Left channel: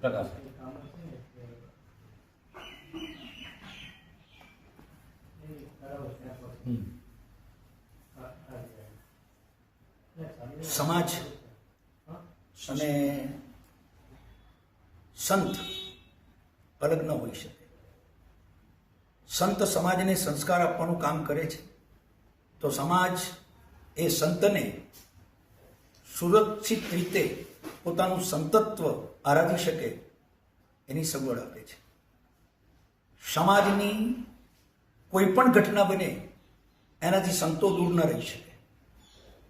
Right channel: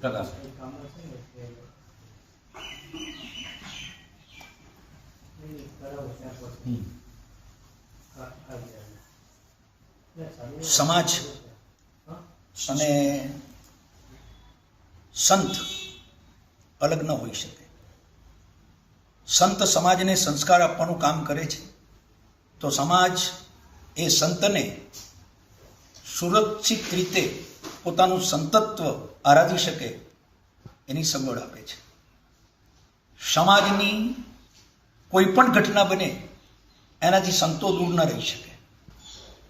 કદાચ સમાજ અને સંત અલગ ન હોઈ શકે. સંત સમાજને સંસ્કાર આપવાનું કામ કરે છે તો સમાજ એ સંતને સુરક્ષિત રીતે પોતાનું સંતત્વ આરાધી શકે એની સગવડ આપે છે. સમાજની કોઈ પણ ઘટના બને એનાથી સંતો દૂર ન રહી શકે,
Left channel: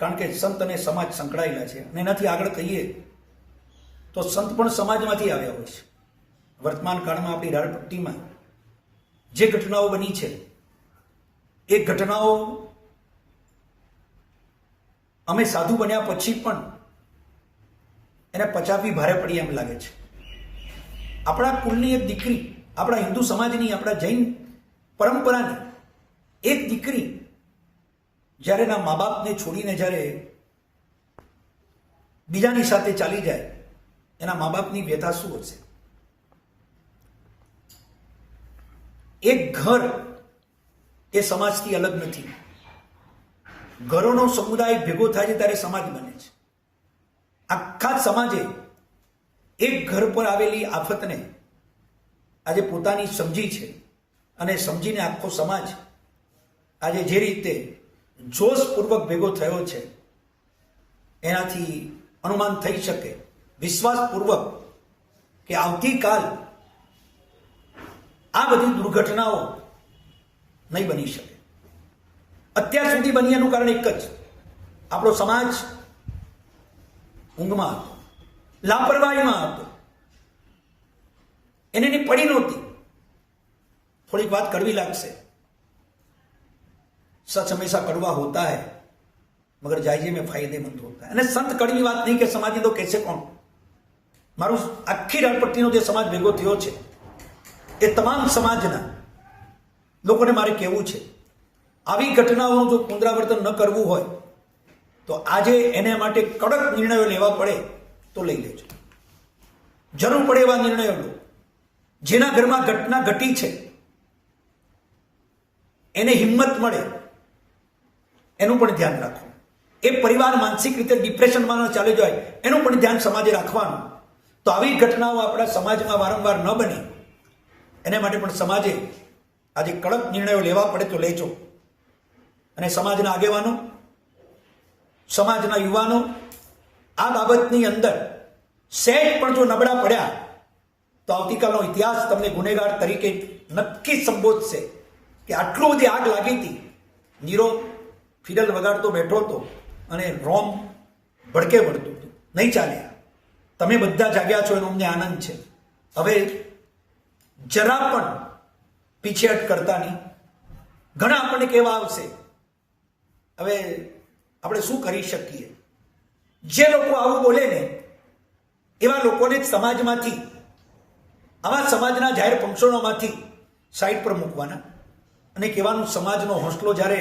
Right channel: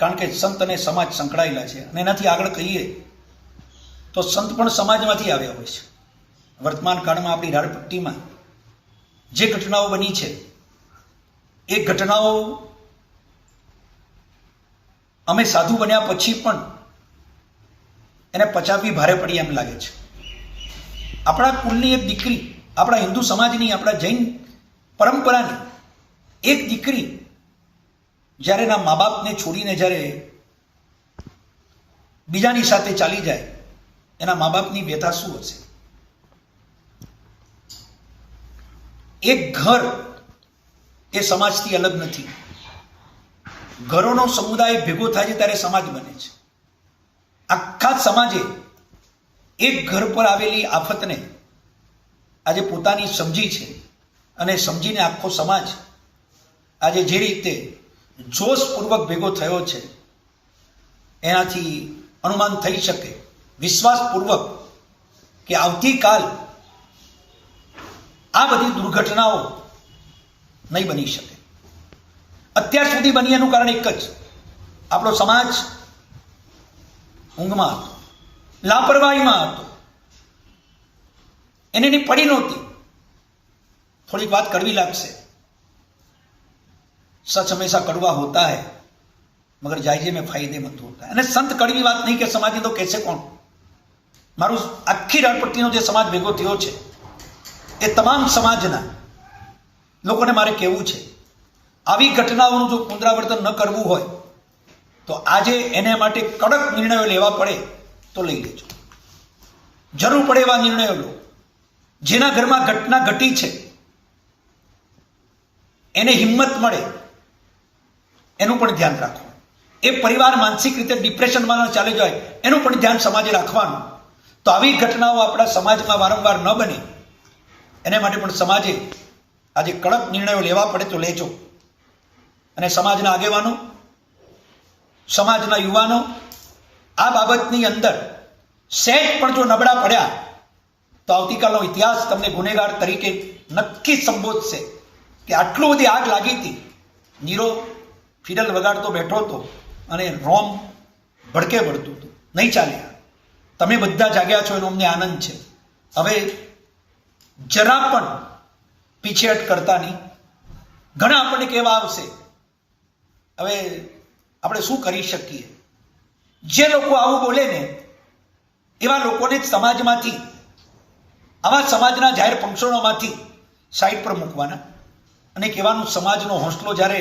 કારણ કે સંત અને સમાજ સંકળાયેલા છે. અને એનાથી આગળ કહીએ તો સંત પણ સમાજમાંથી આવ્યા હોય છે. વર્તમાન કાળમાં આપણી રાળપટ્ટીમાં જે ઘટનાઓ બની છે એ ઘટનાઓ અમે સાધુ બન્યા પછી પણ એને પચાવવી ભારે પડી એમ લાગે છે. આપણા કુલની એક દીકરી, આપણા હિન્દુ સમાજની, આપણા જૈન પરંપરાની એક દીકરી જ્યારે એના મા બાપને છોડીને જ્યારે બીજાની સાથે ચાલી જાય, એના મા બાપની વ્યથા શું હશે? એક ઘર એ સમાજથી અલગ નથી. ઘરોનો સમુદાય ભેગો થાય છે ત્યારે સમાજ બને છે. આખા સમાજે એક ઘર પર આવેલી આફતને આજે પોતાની સમજી છે અને સમજીને આખો સમાજ આજે જે રીતે જોશપૂર્વક ભેગો થયો છે એનાથી અનુમાન થઈ શકે વિશ્વાસપૂર્વક કે આવતીકાલ આ બધી દુર્ઘટનાઓ નહીં બની શકે. અત્યાર સુધી બની એનું કારણ એક જ, આપણો સમાજ ઊંઘમાં હતો, લાપરવાહીમાં હતો, એને એની પડી નહોતી. થોડીક વાત કડવી લાગશે, सच हमेशा कड़वा होता है मगर जायजे में फायदेमंद होता है. અને સંત કડવી વાત નહીં કે સમાજની તો કહેશે કોણ? મારું આખી રાળપટ્ટીનો જે સમાજ ભેગો થયો છે એ તમામ સમાજના લોકોને મારે કહેવું છે, આવી ઘટનાઓનું જો પુનરાવર્તન ન કરવું હોય તો આજે એને માટે કડક નિર્ણયો લેવા પડે તો લઈ લેજો. જરૂર પડે એવા નિર્ણયો લો. જેના ઘરમાં ઘટના ઘટી છે એને હિંમત મળે એનું પણ ધ્યાન રાખો. એ પરિવાર માનસિક રીતે ડિપ્રેશનમાં ન ચાલી જાય એનું પણ ધ્યાન સમાજે રાખવાનું. તો આવી ઘટનાઓ આપણા સમાજમાં વારંવાર ન બને એને માટે પણ સમાજે આજે કડક નિર્ણયો લેવા પડે તો લેજો. અને સમાજના આગેવાનો, સમાજના યુવાનો આ બાબતની અંદર સહેજ પણ જો નબળા પડ્યા તો આવતીકાલનો ઇતિહાસ તમને ગુનેગાર તરીકે નક્કી સંબોધશે કે આટલું બધી આગ લાગી હતી, નીરો ફિડલ વગાડતો બેઠો હતો અને રોમ ભડકે વળતું હતું, નહીં ચાલ્યા. તમે બધા જાગ્યા છો એનો અમને આનંદ છે. હવે જરા પણ પીછેહટ કરતા નહીં. ઘણા આપણને કહેવા આવશે, હવે આપણે શું કરી શકીએ? જે લોકો આવું બોલે ને એવા લોકોને સમાજમાંથી, આવા સમાજના જાહેર ફંક્શનોમાંથી સાઈડ પર મૂકવાના અને કહેવાનું સમાજનો હોંસલો જ્યારે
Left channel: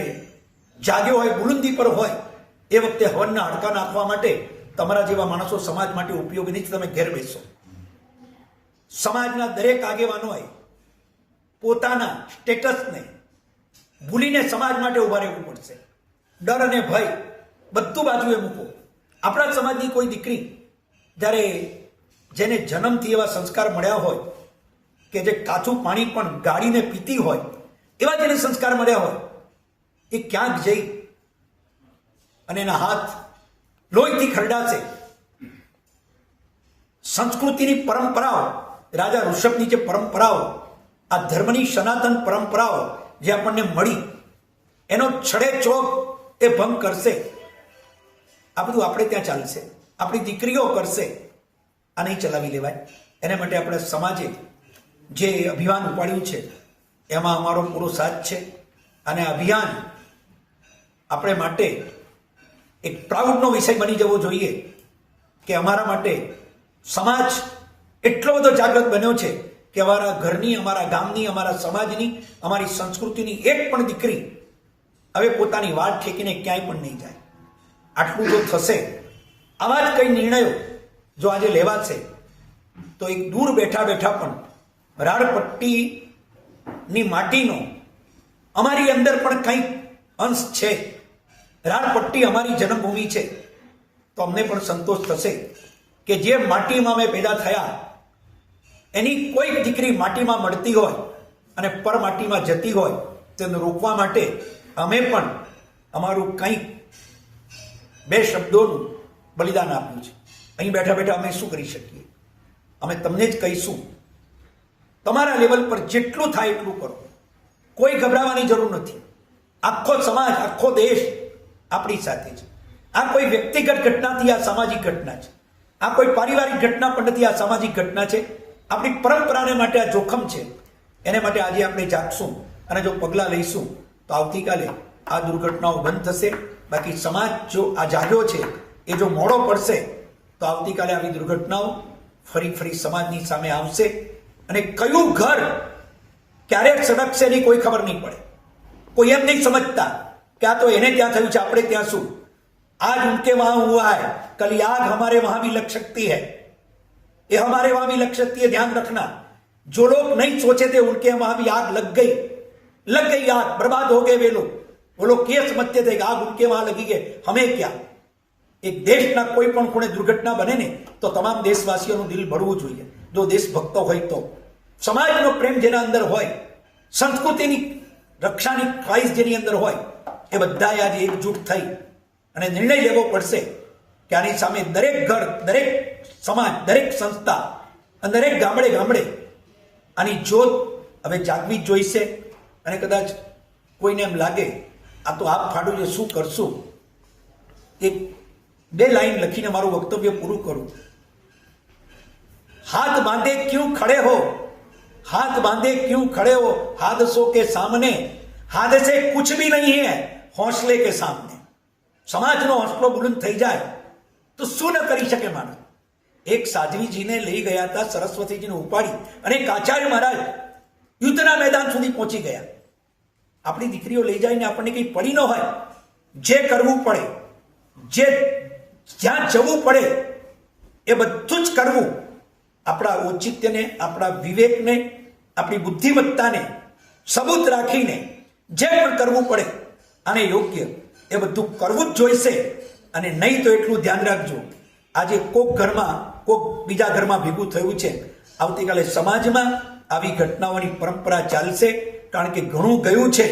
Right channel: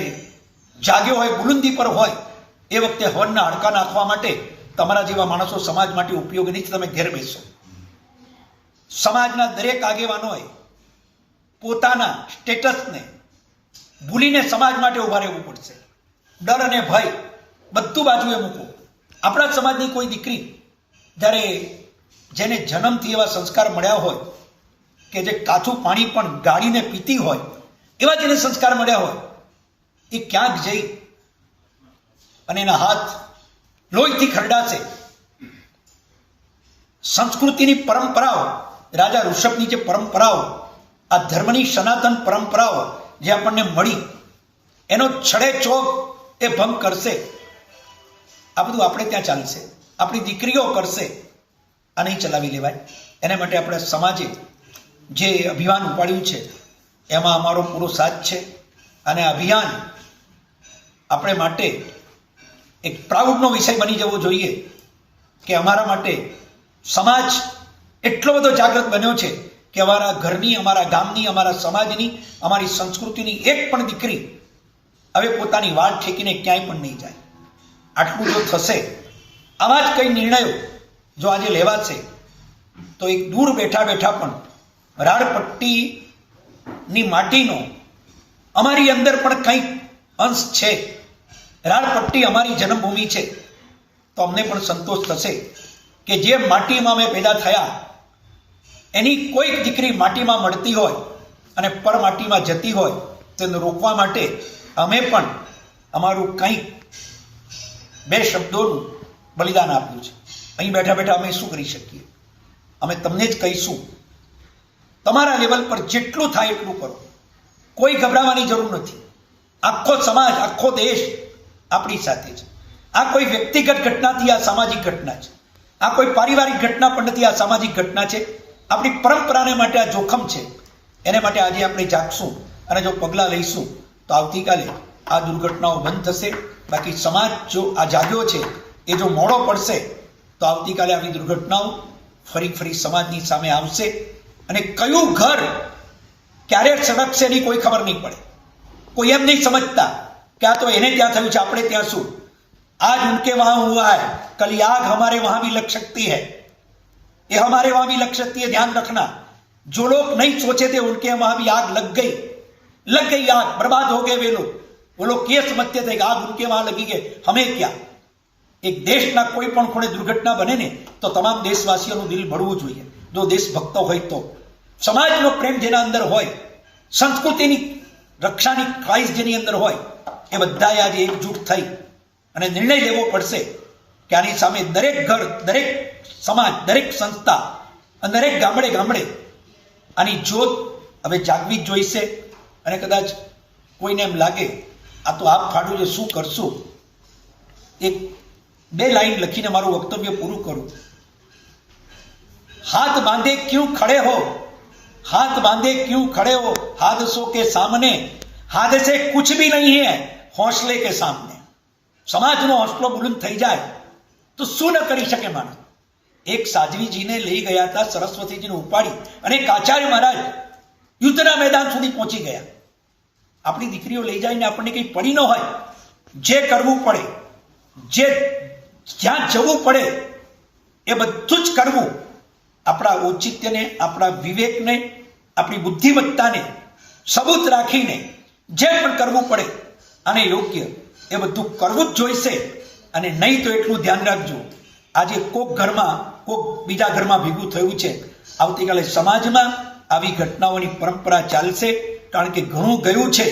જાગ્યો હોય, બુલંદી પર હોય, એ વખતે હવનના હડકા નાખવા માટે તમારા જેવા માણસો સમાજ માટે ઉપયોગી નહીં. તમે ઘેર બેસો. સમાજના દરેક આગેવાનોએ પોતાના સ્ટેટસને ભૂલીને સમાજ માટે ઉભા રહેવું પડશે. ડર અને ભય બધું બાજુએ મૂકો. આપણા સમાજની કોઈ દીકરી જ્યારે જેને જન્મથી એવા સંસ્કાર મળ્યા હોય કે જે કાચું પાણી પણ ગાળીને પીતી હોય, એવા જેને સંસ્કાર મળ્યા હોય, એ ક્યાંક જઈ અને એના હાથ લોહીથી ખરડાશે. સંસ્કૃતિની પરંપરાઓ, રાજા ઋષભની જે પરંપરાઓ, આ ધર્મની સનાતન પરંપરાઓ જે આપણને મળી એનો છડે ચોક એ ભંગ કરશે. આ બધું આપણે ત્યાં ચાલશે, આપણી દીકરીઓ કરશે. આ નહીં ચલાવી લેવાય. એના માટે આપણે સમાજે જે અભિયાન ઉપાડ્યું છે એમાં અમારો પૂરો સાથ છે. અને અભિયાન આપણે માટે એક પ્રાઉડનો વિષય બની જવો જોઈએ કે અમારા માટે સમાજ એટલો બધો જાગૃત બન્યો છે કે અમારા ઘરની, અમારા ગામની, અમારા સમાજની, અમારી સંસ્કૃતિની એક પણ દીકરી હવે પોતાની વાટ ઠેકીને ક્યાંય પણ નહીં જાય. આટલું જો થશે, આવા જ કંઈ નિર્ણયો જો આજે લેવાશે તો એક દૂર બેઠા બેઠા પણ રાળપટ્ટીની માટીનો અમારી અંદર પણ કંઈક અંશ છે, રાળપટ્ટી અમારી જન્મભૂમિ છે, તો અમને પણ સંતોષ થશે કે જે માટીમાં અમે પેદા થયા એની કોઈક દીકરી માટીમાં મળતી હોય અને પર માટીમાં જતી હોય તેને રોકવા માટે અમે પણ અમારું કંઈક બે શબ્દોનું બલિદાન આપ્યું છે. અહીં બેઠા બેઠા અમે શું કરી શકીએ? અમે તમને જ કહીશું, તમારા લેવલ પર જેટલું થાય એટલું કરો, કોઈ ગભરાવાની જરૂર નથી. આખો સમાજ, આખો દેશ આપણી સાથે છે. આ કોઈ વ્યક્તિગત ઘટનાથી, આ સામાજિક ઘટના છે. આ કોઈ પારિવારિક ઘટના પણ નથી, આ સામાજિક ઘટના છે. આપણી પરંપરાને માટે આ જોખમ છે. એને માટે આજે આપણે જાગશું અને જો પગલાં લઈશું તો આવતીકાલે આ દુર્ઘટનાઓ બંધ થશે. બાકી સમાજ જો આ જાગ્યો છે એ જો મોડો પડશે તો આવતીકાલે આવી દુર્ઘટનાઓ ફરી સમાજની સામે આવશે અને કયું ઘર ક્યારે સળગશે એની કોઈ ખબર નહીં પડે. કોઈ એમ નહીં સમજતા કે આ તો એને ત્યાં થયું છે, આપણે ત્યાં શું. आज उनके वहां हुआ है, कल ये आग हमारे वहां भी लग सकती है, ये हमारे वहां भी लग सकती है. ध्यान रखना, जो लोग नहीं सोचे थे उनके वहां भी आग लग गई आग, बर्बाद हो गए वो लोग ये समझते थे कि आग उनके वहां लगी गई, हमें क्या. एक देशના કોઈ પણ ખૂણે દુર્ઘટના બને ને તો તમામ દેશવાસીઓનું દિલ ભરવું જોઈએ. જો દેશભક્તો હોય તો, સમાજનો પ્રેમ જેના અંદર હોય, સંસ્કૃતિની રક્ષાની ખ્વાહિશ જેની અંદર હોય, એ બધાએ આજે એકજૂટ થઈ અને નિર્ણય લેવો પડશે કે આની સામે દરેક ઘર, દરેક સમાજ, દરેક સંસ્થા અને દરેક ગામડે આની જોત હવે જાગવી જ જોઈશે. અને કદાચ કોઈને એમ લાગે આ તો આપ ફાડું છે, શું કરશું, એક બે લાઈન લખીને મારું વક્તવ્ય પૂરું કરું. हाथ बांधे क्यों खड़े हो, हाथ बांधे क्यों खड़े हो, हादसों के सामने हादसे कुछ भी नहीं है हौसले के सामने. સમાજનો હોંસલો બુલંદ થઈ જાય તો શું ન કરી શકે માણસ. એક સાધ્વીજીને લઈ ગયા હતા, સરસ્વતીજીને ઉપાડી, અને એક આચાર્ય મહારાજ યુદ્ધના મેદાન સુધી પહોંચી ગયા. આપણી દીકરીઓ લઈ જઈને આપણને કંઈ પડી ન હોય, જે કરવું પડે, જ્યાં જવું પડે એ બધું જ કરવું. આપણા ઔચિત્યને, આપણા વિવેકને, આપણી બુદ્ધિમત્તાને સબૂત રાખીને જે પણ કરવું પડે અને યોગ્ય એ બધું કરવું જ જોઈશે. અને નહીં તો એટલું ધ્યાન રાખજો, આજે કોક ઘરમાં, કોક બીજા ઘરમાં ભેગું થયું છે, આવતીકાલે સમાજમાં આવી ઘટનાઓની પરંપરા ચાલશે. કારણ કે ઘણું ગયું છે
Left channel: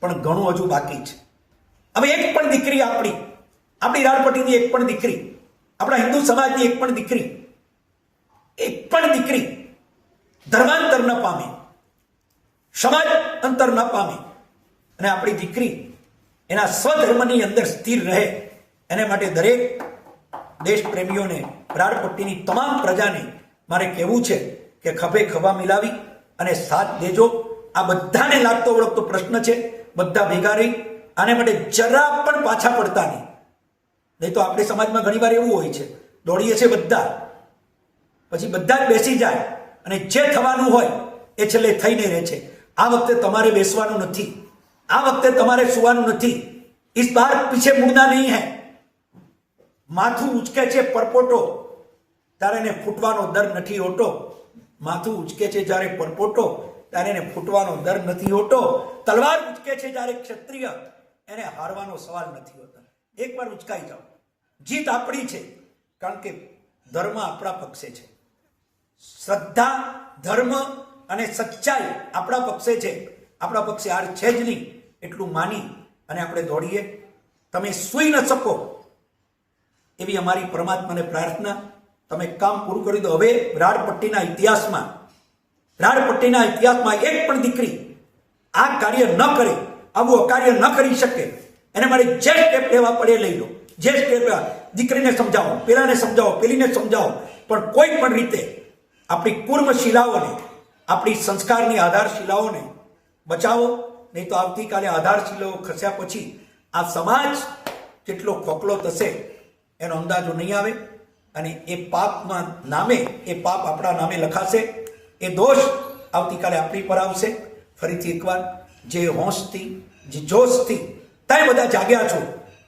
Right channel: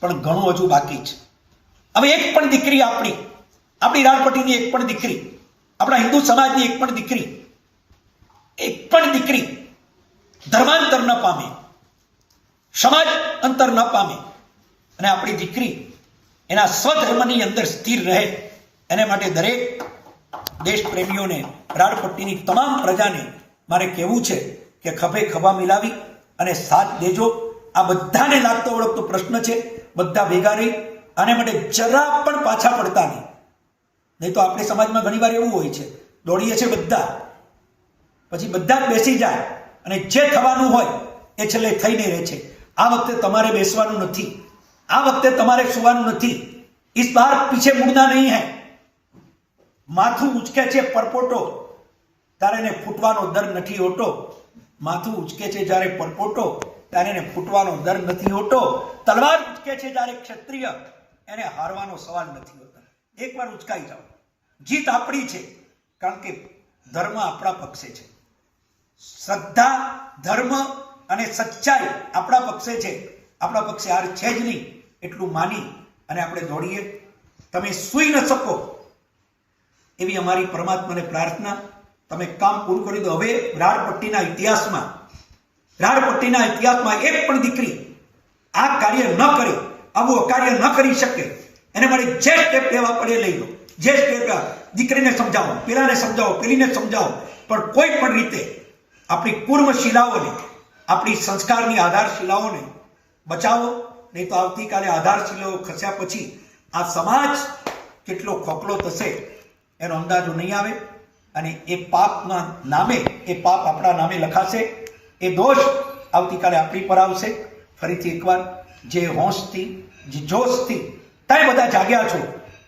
પણ ઘણું હજુ બાકી છે. હવે એક પણ દીકરી, આપણી રાળપટ્ટીની એક પણ દીકરી, આપણા હિન્દુ સમાજની એક પણ દીકરી ધર્માંતર ન પામે, સમાજ અંતર ન પામે અને આપણી દીકરી એના સ્વધર્મની અંદર સ્થિર રહે, એને માટે દરેક દેશપ્રેમીઓને, રાળપટ્ટીની તમામ પ્રજાને મારે કહેવું છે કે ખભે ખભા મિલાવી અને સાથ દેજો. આ બધાને લાગતો ઓળખતો પ્રશ્ન છે. બધા ભેગા રહી આને માટે જરા પણ પાછા પડતા નહીં તો આપણે સમાજમાં ઘણીવાર એવું હોય છે, દોડીએ છે બધા, પછી બધા જ બેસી જાય અને જે થવાનું હોય એ છેલ્લે થઈને રહે છે. આ વખતે તમારે બેસવાનું નથી, આ વખતે તમારે સુવાનું નથી. इस बार पीछे मुड़ना नहीं है. માથું ઉચકે છે પરપોટો ત્યારે એને ફૂટવાનો દર નથી હોતો. માથું ઉચકે છે જ્યારે પરપોટો ત્યારે એને ફૂટવાનો દર નથી હોતો. તલવાર ઉચકે છે જ્યારે ક્ષત્રિય, એને હારવાનો સવાલ નથી હોતો. એકવાર ઉચકાઈ જાઓ, જીત આપણી છે. કારણ કે ધર્મ આપણા પક્ષે છે, શ્રદ્ધા, ધર્મ અને સચ્ચાઈ આપણા પક્ષે છે. આપણા પક્ષે હાર છે જ નહીં એટલું માની અને આપણે દોડીએ. તમે સૂઈ ન શકો એવી અમારી પરમાત્માને પ્રાર્થના. તમે કામ પૂરું કરી દો. હવે રાળપટ્ટીના ઇતિહાસમાં એક પણ દીકરી આ કાર્ય ન કરે, આવું અકાર્ય ન કરી શકે. એને માટે જે સ્ટેપ લેવા પડે લઈ લો. જે સ્ટેપ, દીકરીને સમજાવો, પેલાને સમજાવો, પેલીને સમજાવો, પણ કોઈ પણ રીતે આપણી કુર્મ શિલાઓને, આપણી સંસ્કારની આધારશિલાઓને બચાવો. નહીં તો આવતીકાલે આધારશિલાઓ ખસ્યા પછી આ સમાજ કેટલો ખોખલો થશે એનો અંદાજો નહીં આવે. અને એ પાપના નામે, એ પાપ આપણા નામે લખાશે. એ દોષ આવતીકાલે આપણી પર આવશે. ફરીથી એકવાર જે હોંશથી, જે જોશથી તમે બધા જાગ્યા છો,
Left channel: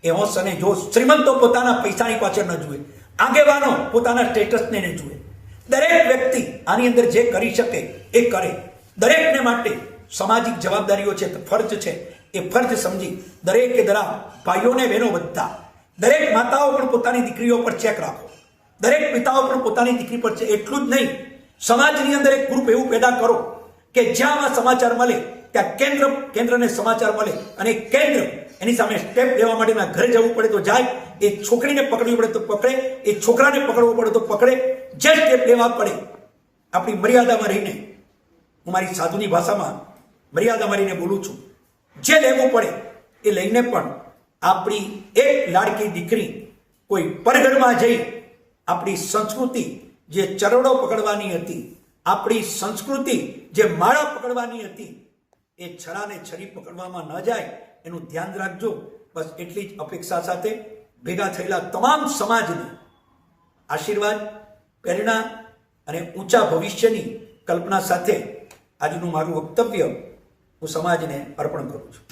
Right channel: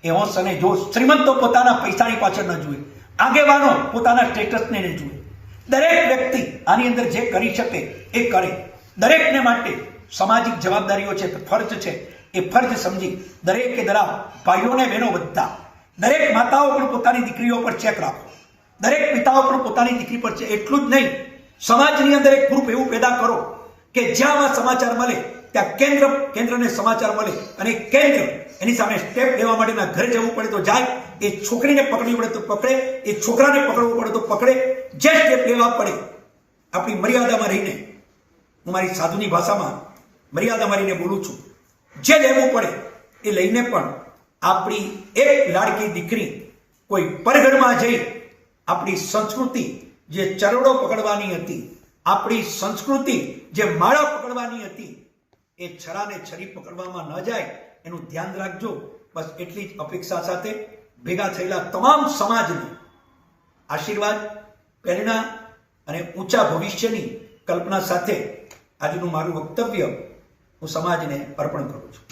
એ હોંશ અને જોશ શ્રીમંતો પોતાના પૈસાની પાછળ ન જુએ, આગેવાનો પોતાના સ્ટેટસને નહીં જુએ. દરેક વ્યક્તિ આની અંદર જે કરી શકે એ કરે. દરેકને માટે સામાજિક જવાબદારીઓ છે, ફરજ છે, એ ફરજ સમજી દરેકે દરેક ભાઈઓને બહેનો બધા દરેક માતાઓ પણ પોતાની દીકરીઓ પર ચેક રાખો. દરેક પિતાઓ પણ પોતાની દીકરી પર છે. એટલું જ નહીં, સમાજની અંદર એક ગ્રુપ એવું પેદા કરો કે જ્યાં આ સમાચાર મળે ત્યાં કેન્દ્રને સમાચાર મળે અને કેન્દ્ર એની સામે સ્ટેપ લેવા માટેના ઘરે જવું પડે તો જાય, એ છોકરીને પકડવી પડે તો પકડે, એ છોકરાને પકડવો પડે તો પકડે. જે સ્ટેપ લેવા પડે આપણી મર્યાદામાં રહીને, હું મારી સાધુની ભાષામાં મર્યાદામાં રહીને બોલું છું, જે લેવું પડે એ લઈને પણ આપણી એક લાડકી દીકરી કોઈ પરગઢમાં જઈ આપણી સંસ્કૃતિ જે ચરડો પકડવાની હતી, આપણી સંસ્કૃતિ જે માળા પકડવાની હતી, એ છરાને છરી પકડવામાં ન જાય એનું ધ્યાન રાખજો. બસ એટલી જ અપેક્ષા સાથે ભેગા થયેલા તમામ સમાજને આશીર્વાદ, પ્રેરણા અને ઊંચા ભવિષ્યની કલ્પના સાથે આજનું મારું વક્તવ્ય હું સમાજને અર્પણ કરું છું.